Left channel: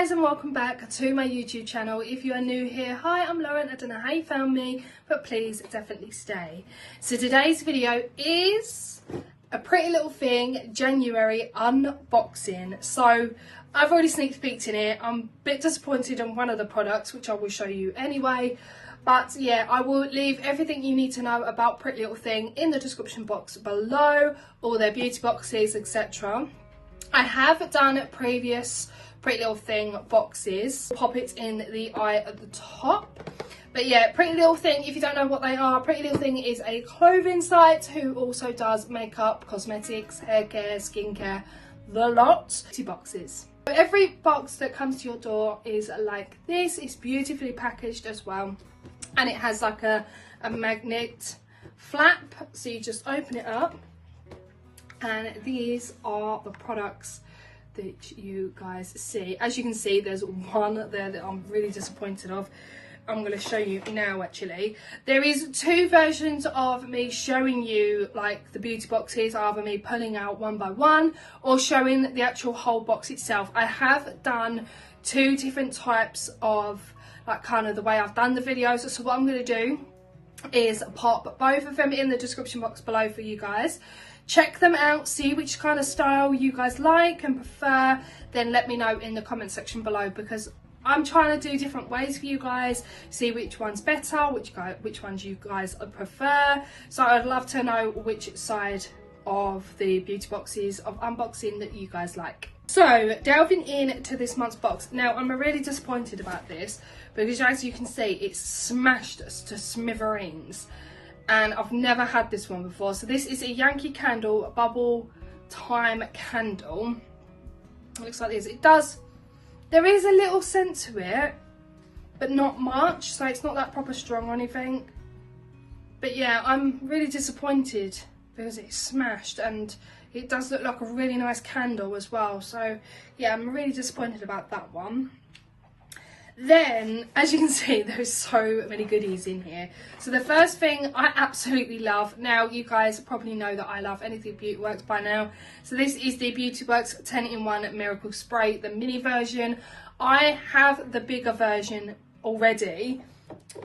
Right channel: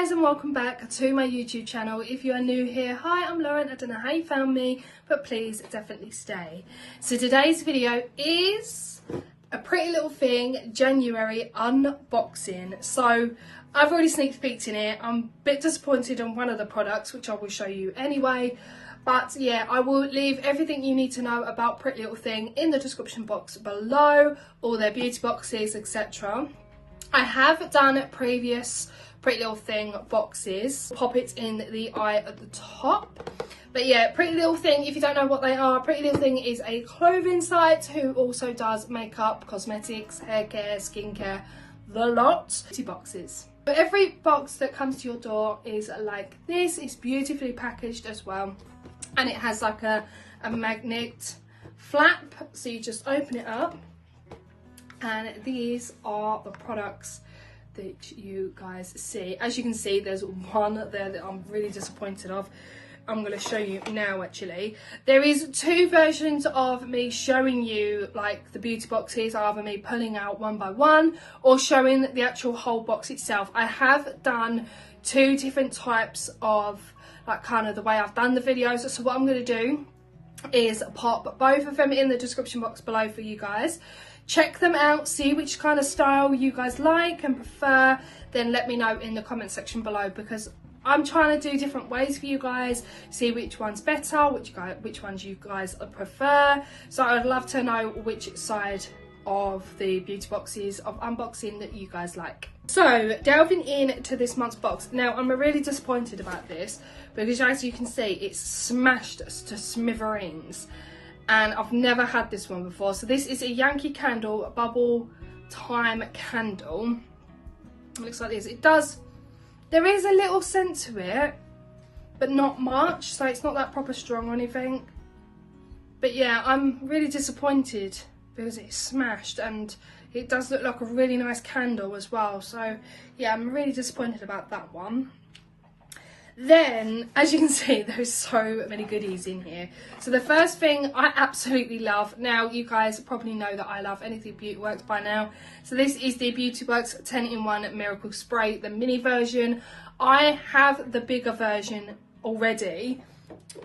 guys, and welcome back to my YouTube channel. If you are new here, hi, I'm Lauren. I don't know how you found me, but please definitely stay. So today's video is a Pretty Little Thing January unboxing. So I've already sneak peeked in it. I'm a bit disappointed on one of the products, which I will show you anyway. But yeah, I will leave everything you need to know about Pretty Little Thing in the description box below, all their beauty boxes, etc. I have done previous Pretty Little Thing boxes. Pop it in the eye at the top. But yeah, Pretty Little Thing, if you don't know what they are, Pretty Little Thing is a clothing site who also does makeup, cosmetics, hair care, skincare, the lot. Beauty boxes. Every box that comes to your door is like this. It's beautifully packaged as well. And it has like a magnet flap. So you just open it up. And these are the products that you guys see. As you can see, there's one there that I'm really disappointed of. I'm going to show you now actually. There is two versions of me showing you like the beauty boxes, either me pulling out one by one or showing the actual whole box itself. I have done two different types of like kind of the way I've done the videos. So what I'm going to do is pop both of them in the description box below for you guys. Check them out, see which kind of style you guys like and prefer, then let me know in the comment section below, because I'm trying to do different ways for you guys, see which one's better, which ones you guys prefer. So I'd love to know which side of the beauty boxes of unboxing that you guys like. So delving into this month's box, now I'm really disappointed about this because as you can see it's smashed to smithereens. And I've never had this one before. So this is a Yankee Candle bubble time candle. It looks like this. There is a little scent to it, but not much. So it's not that proper strong or anything. But yeah, I'm really disappointed because it's smashed and it does look like a really nice candle as well. So yeah, I'm really disappointed about that one. Then, as you can see, there's so many goodies in here. So the first thing I absolutely love, now you guys probably know that I love anything Beauty Works by now. So this is the Beauty Works 10-in-1 Miracle Spray, the mini version. I have the bigger version already.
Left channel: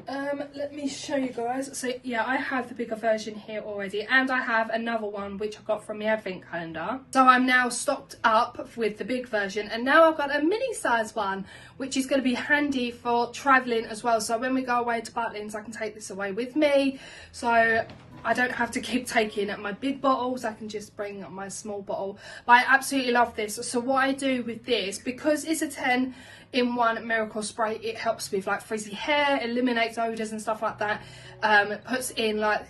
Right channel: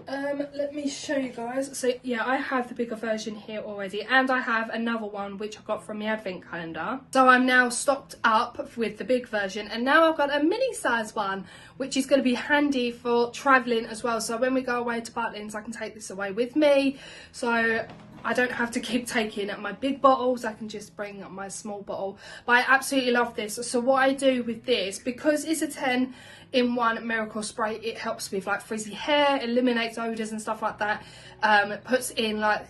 Let me show you guys. So yeah, I have the bigger version here already, and I have another one which I got from the advent calendar. So I'm now stocked up with the big version, and now I've got a mini size one which is going to be handy for traveling as well. So when we go away to Butlins, I can take this away with me, so I don't have to keep taking my big bottles. I can just bring my small bottle. But I absolutely love this. So what I do with this, because it's a 10-in-1 Miracle Spray, it helps with like frizzy hair, eliminates odours and stuff like that. It puts in like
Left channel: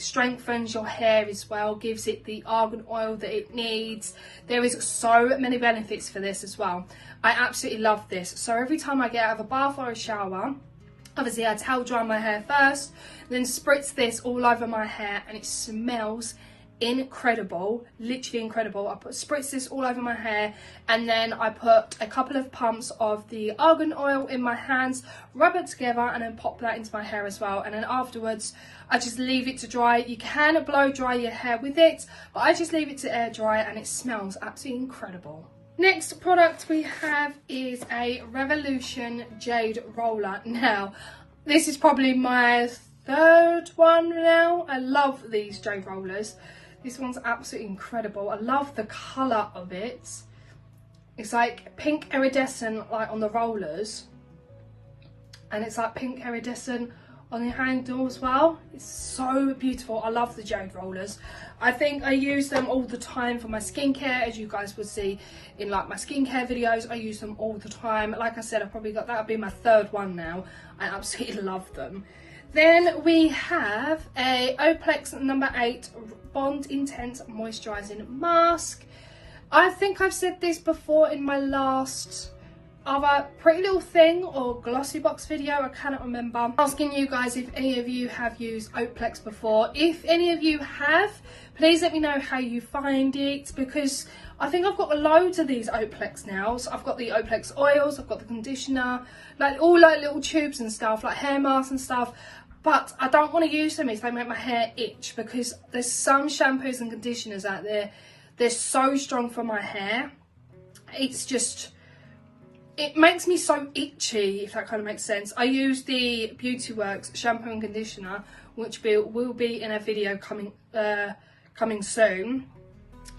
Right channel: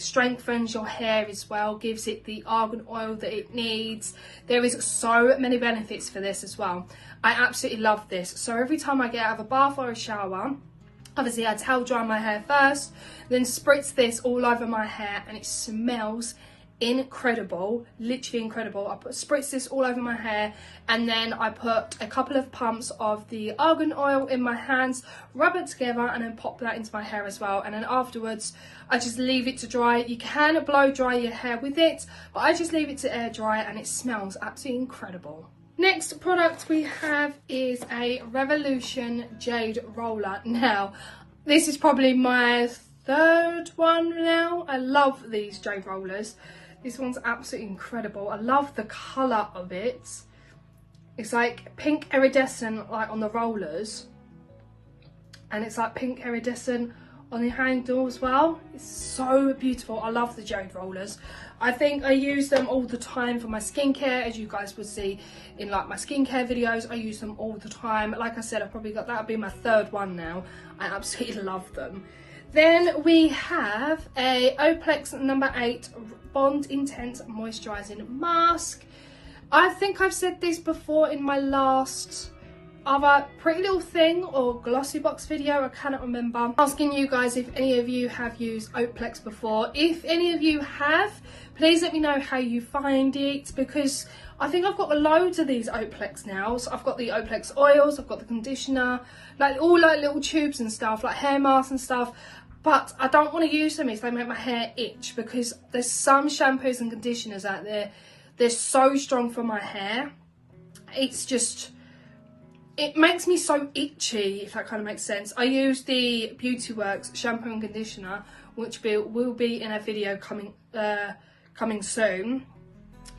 strengthens your hair as well, gives it the argan oil that it needs. There is so many benefits for this as well. I absolutely love this. So every time I get out of a bath or a shower, obviously I towel dry my hair first, then spritz this all over my hair, and it smells incredible, literally incredible. I spritz this all over my hair, and then I put a couple of pumps of the argan oil in my hands, rub it together, and then pop that into my hair as well. And then afterwards I just leave it to dry. You can blow dry your hair with it, but I just leave it to air dry, and it smells absolutely incredible. Next product we have is a Revolution Jade Roller. Now this is probably my third one now. I love these jade rollers. This one's absolutely incredible. I love the colour of it. It's like pink iridescent like on the rollers, and it's like pink iridescent on the handle as well. It's so beautiful. I love the jade rollers. I think I use them all the time for my skincare, as you guys would see in like my skincare videos. I use them all the time. Like I said, I've probably got, that'll be my third one now. I absolutely love them. Then we have a Oplex number 8 Bond Intense Moisturising Mask. I think I've said this before in my last other Pretty Little Thing or Glossy Box video, I cannot remember. Asking you guys if any of you have used Oplex before. If any of you have, please let me know how you find it, because I think I've got loads of these Oplex now. So I've got the Oplex oils, I've got the conditioner, like all like little tubes and stuff, like hair masks and stuff. But I don't want to use them if they make my hair itch, because there's some shampoos and conditioners out there, they're so strong for my hair. It's just, it makes me so itchy, if that kind of makes sense. I use the Beauty Works shampoo and conditioner, which will be in a video coming soon.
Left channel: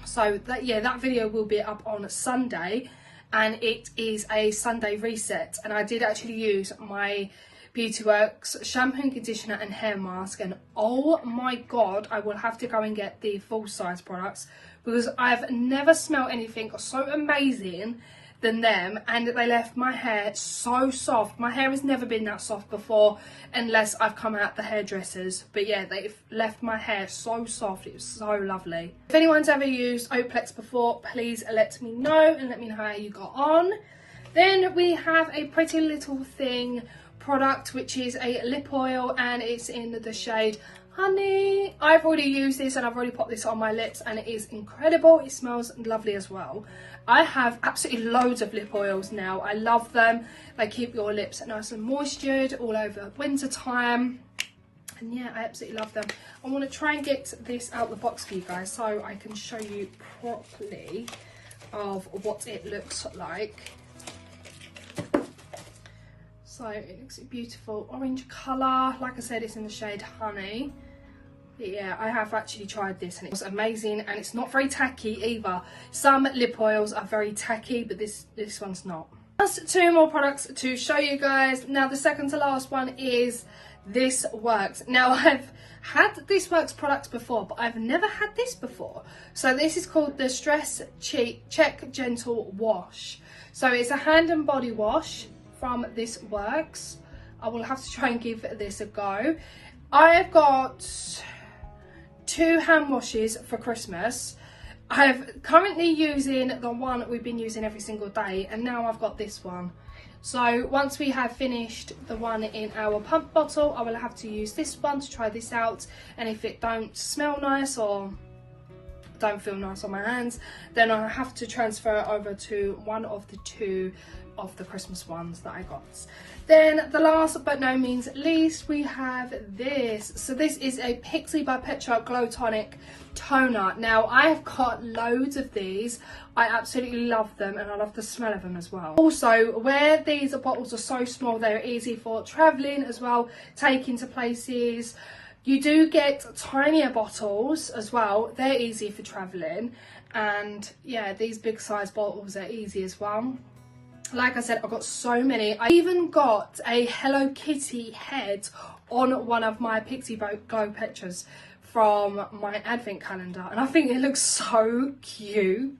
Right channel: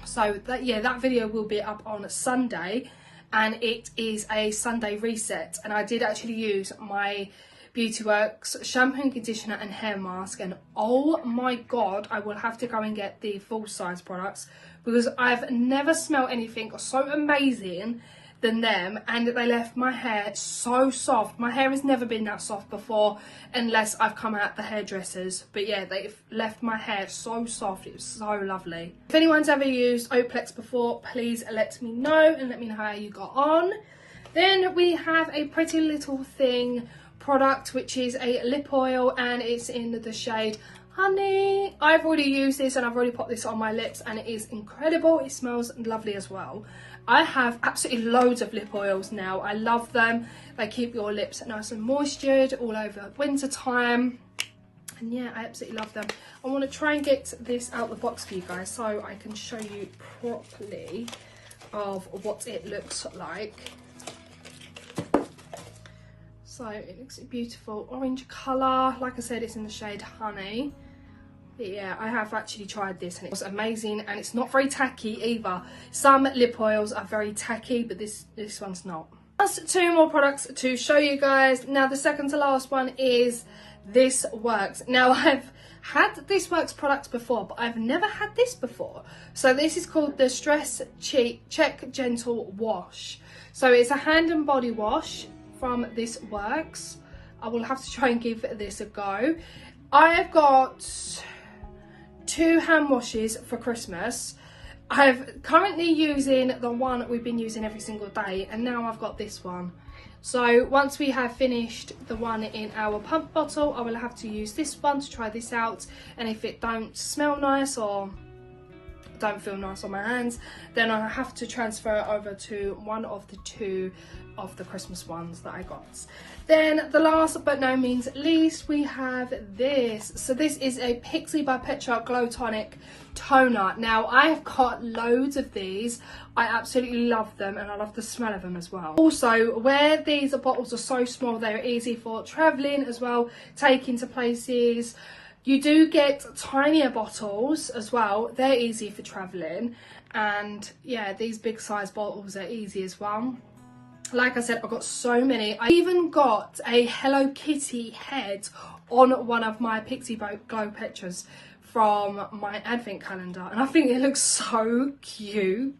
So that video will be up on Sunday, and it is a Sunday reset. And I did actually use my Beauty Works shampoo and conditioner and hair mask, and oh my god, I will have to go and get the full size products, because I've never smelled anything so amazing than them, and they left my hair so soft. My hair has never been that soft before, unless I've come out the hairdressers, but yeah, they've left my hair so soft. It's so lovely. If anyone's ever used Oplex before, please let me know and let me know how you got on. Then we have a Pretty Little Thing product, which is a lip oil, and it's in the shade Honey. I've already used this and I've already put this on my lips, and it is incredible. It smells lovely as well. I have absolutely loads of lip oils now. I love them. They keep your lips nice and moistured all over winter time. And yeah, I absolutely love them. I want to try and get this out the box for you guys so I can show you properly of what it looks like. So it looks a beautiful orange colour. Like I said, it's in the shade Honey. But yeah, I have actually tried this and it was amazing, and it's not very tacky either. Some lip oils are very tacky, but this one's not. Just 2 more products to show you guys. Now the second to last one is This Works. Now I've had This Works products before, but I've never had this before. So this is called the Stress Check Gentle Wash. So it's a hand and body wash from This Works. I will have to try and give this a go. I've got 2 hand washes for Christmas. I'm currently using the one that we've been using every single day, and now I've got this one. So once we have finished the one in our pump bottle, I will have to use this one to try this out, and if it don't smell nice or don't feel nice on my hands, then I have to transfer it over to one of the 2 of the Christmas ones that I got. Then the last but no means least, we have this. So this is a Pixie by Petra Glow Tonic toner. Now I've got loads of these. I absolutely love them, and I love the smell of them as well. Also, where these bottles are so small, they're easy for traveling as well, taking to places. You do get tinier bottles as well. They're easy for traveling, and yeah, these big size bottles are easy as well. Like I said, I've got so many. I even got a Hello Kitty head on one of my Pixie Glow Petras from my advent calendar, and I think it looks so cute.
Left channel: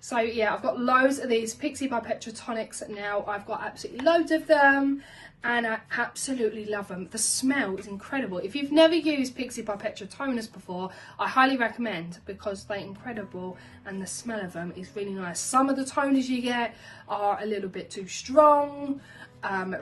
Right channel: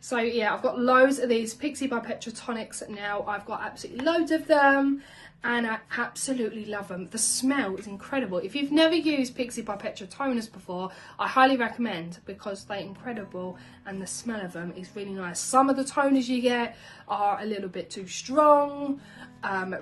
So yeah, I've got loads of these Pixie by Petra tonics now. I've got absolutely loads of them, and I absolutely love them. The smell is incredible. If you've never used Pixie by Petra toners before, I highly recommend, because they're incredible and the smell of them is really nice. Some of the toners you get are a little bit too strong,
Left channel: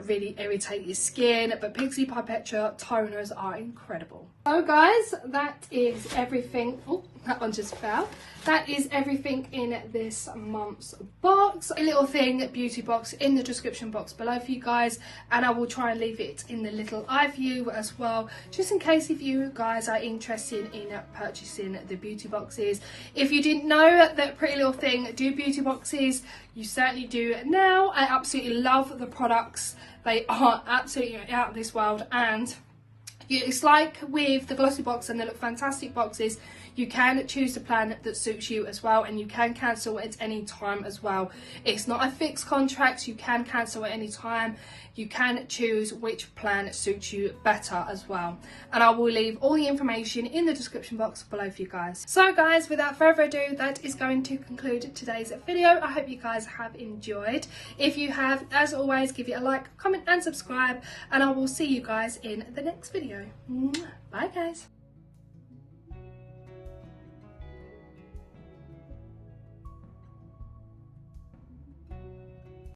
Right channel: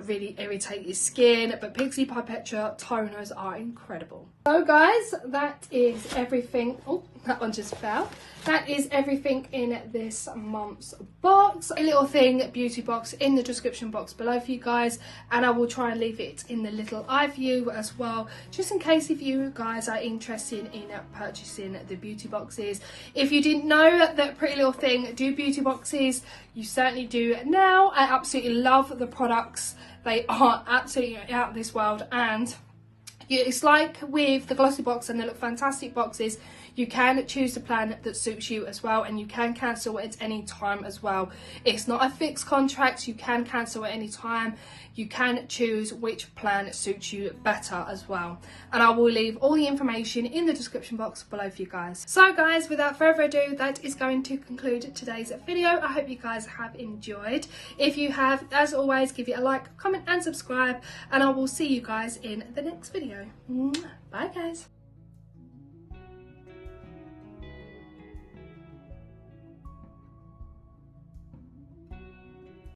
really irritate your skin, but Pixie by Petra toners are incredible. So guys, that is everything. Oh, that one just fell. That is everything in this month's box. A little thing beauty box in the description box below for you guys, and I will try and leave it in the little eye view as well, just in case if you guys are interested in purchasing the beauty boxes. If you didn't know that Pretty Little Thing do beauty boxes, you certainly do now. I absolutely love the products. They are absolutely out of this world, and it's like with the glossy box and the Look Fantastic boxes, you can choose the plan that suits you as well, and you can cancel at any time as well. It's not a fixed contract. You can cancel at any time. You can choose which plan suits you better as well, and I will leave all the information in the description box below for you guys. So guys, without further ado, that is going to conclude today's video. I hope you guys have enjoyed. If you have, as always, give it a like, comment and subscribe, and I will see you guys in the next video. Bye guys.